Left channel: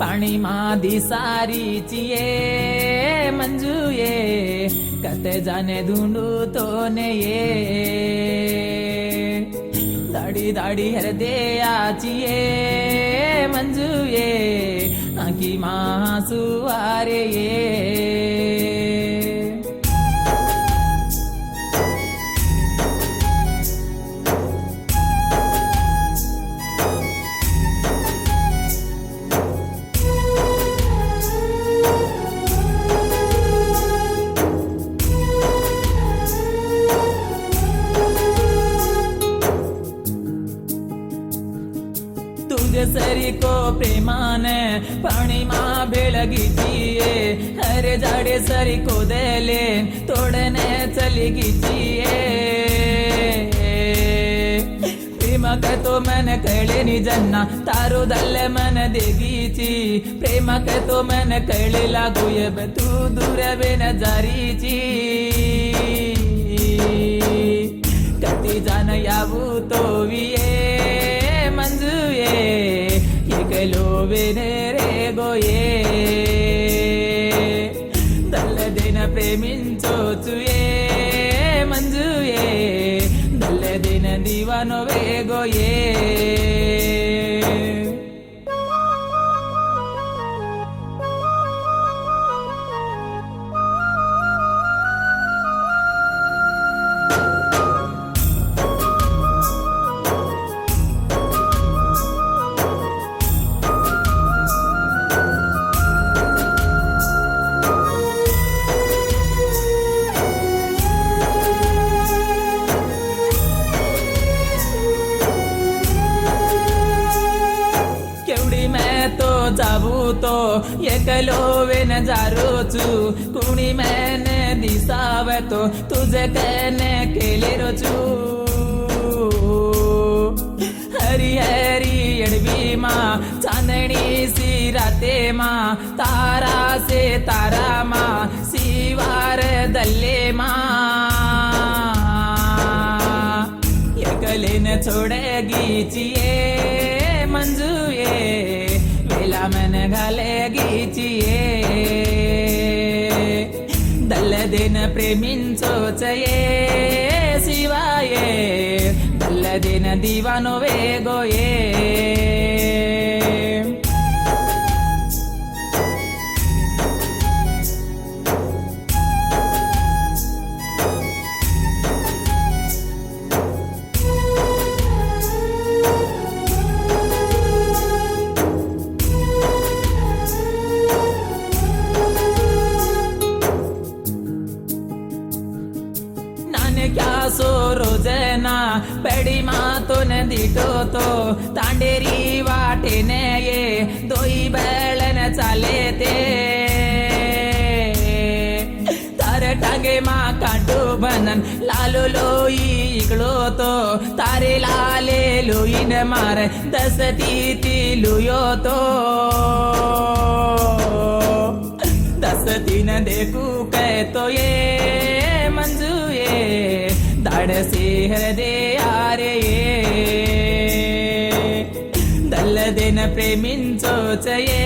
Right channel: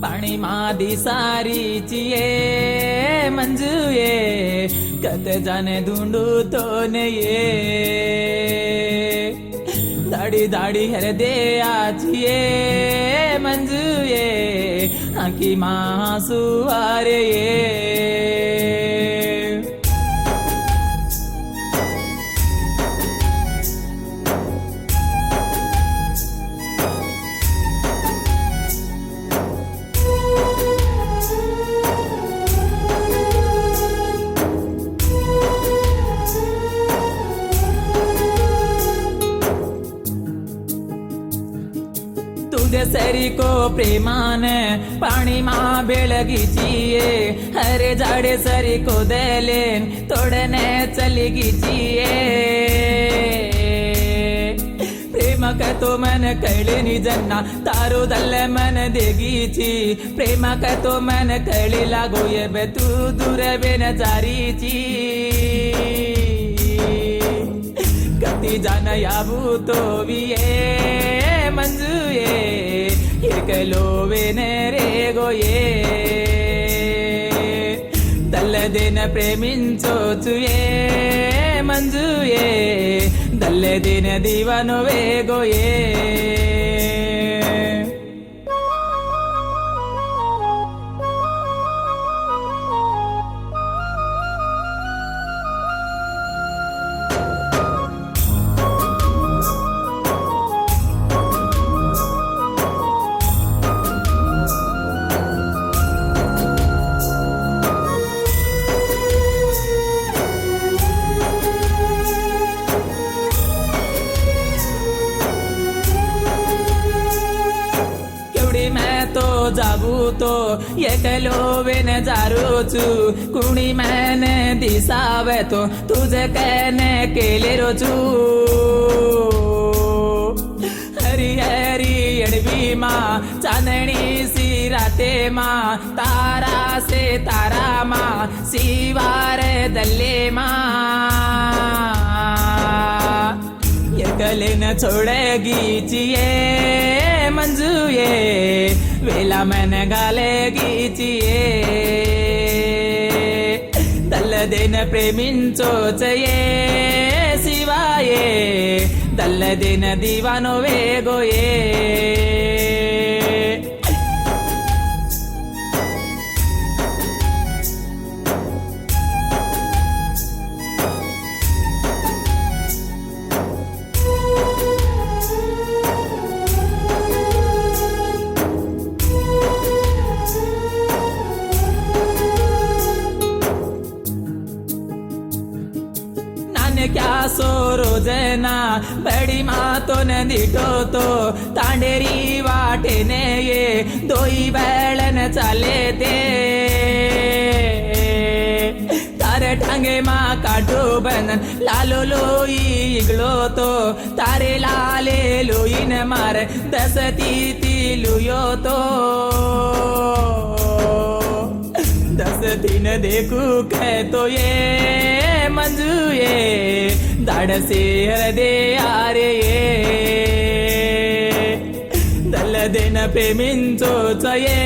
पाणी मादी सारीची ये मंजू ये कते जाने धुंडू तो ये दाड़ी दाड़ी हृदयाची ये मंजू ये आखी मासू आरे ये सरी को प्रेमान पाणी मा बेळगीचिये हरे झाडे सरी को देले तोडणे चली गीचिये प्रेम काय तो मन कळले निजना तारो दल्ल मन देगीची प्रेम काय तो मन कळले लागोय बे तू दूर बेन चारीची कती जान यावू तो विये मंजू ये लोबेने रे गोये दल्ल दिन प्रेमिंचोचुये मंजूये दल्ल दिन दीवानो वे गोये जाबू तो एकलो वेन जारोचू कुणी मैंने दिसावे तो तुझे कहने केले रोचू हरी हरी अडवी मा चांदणी सी राते मा तारा से तारा मा सीवार दल्ले मा एकले न छोड़ेगी चिये मंजू ये वेला मैंने गालेगी चिये दल्ल दिन प्रेमिंचोच ये शिवाये दल्ल दिन दीवानो वे गोये क्या सो रोजना बड़ी माँ तो न दिखो तो तांडेरी वाटे ने ये दोई बैलन चले थे तारे टांगे माँ काटो बनन लालो लोई इगलो तो तारे लाले लोई न मारे 10 तीती लुयो तो 10 दिन देखू कह तो ये मंजू ये दाड़ से हृदय आरे दल्ल दिन प्रेमिंचोच ये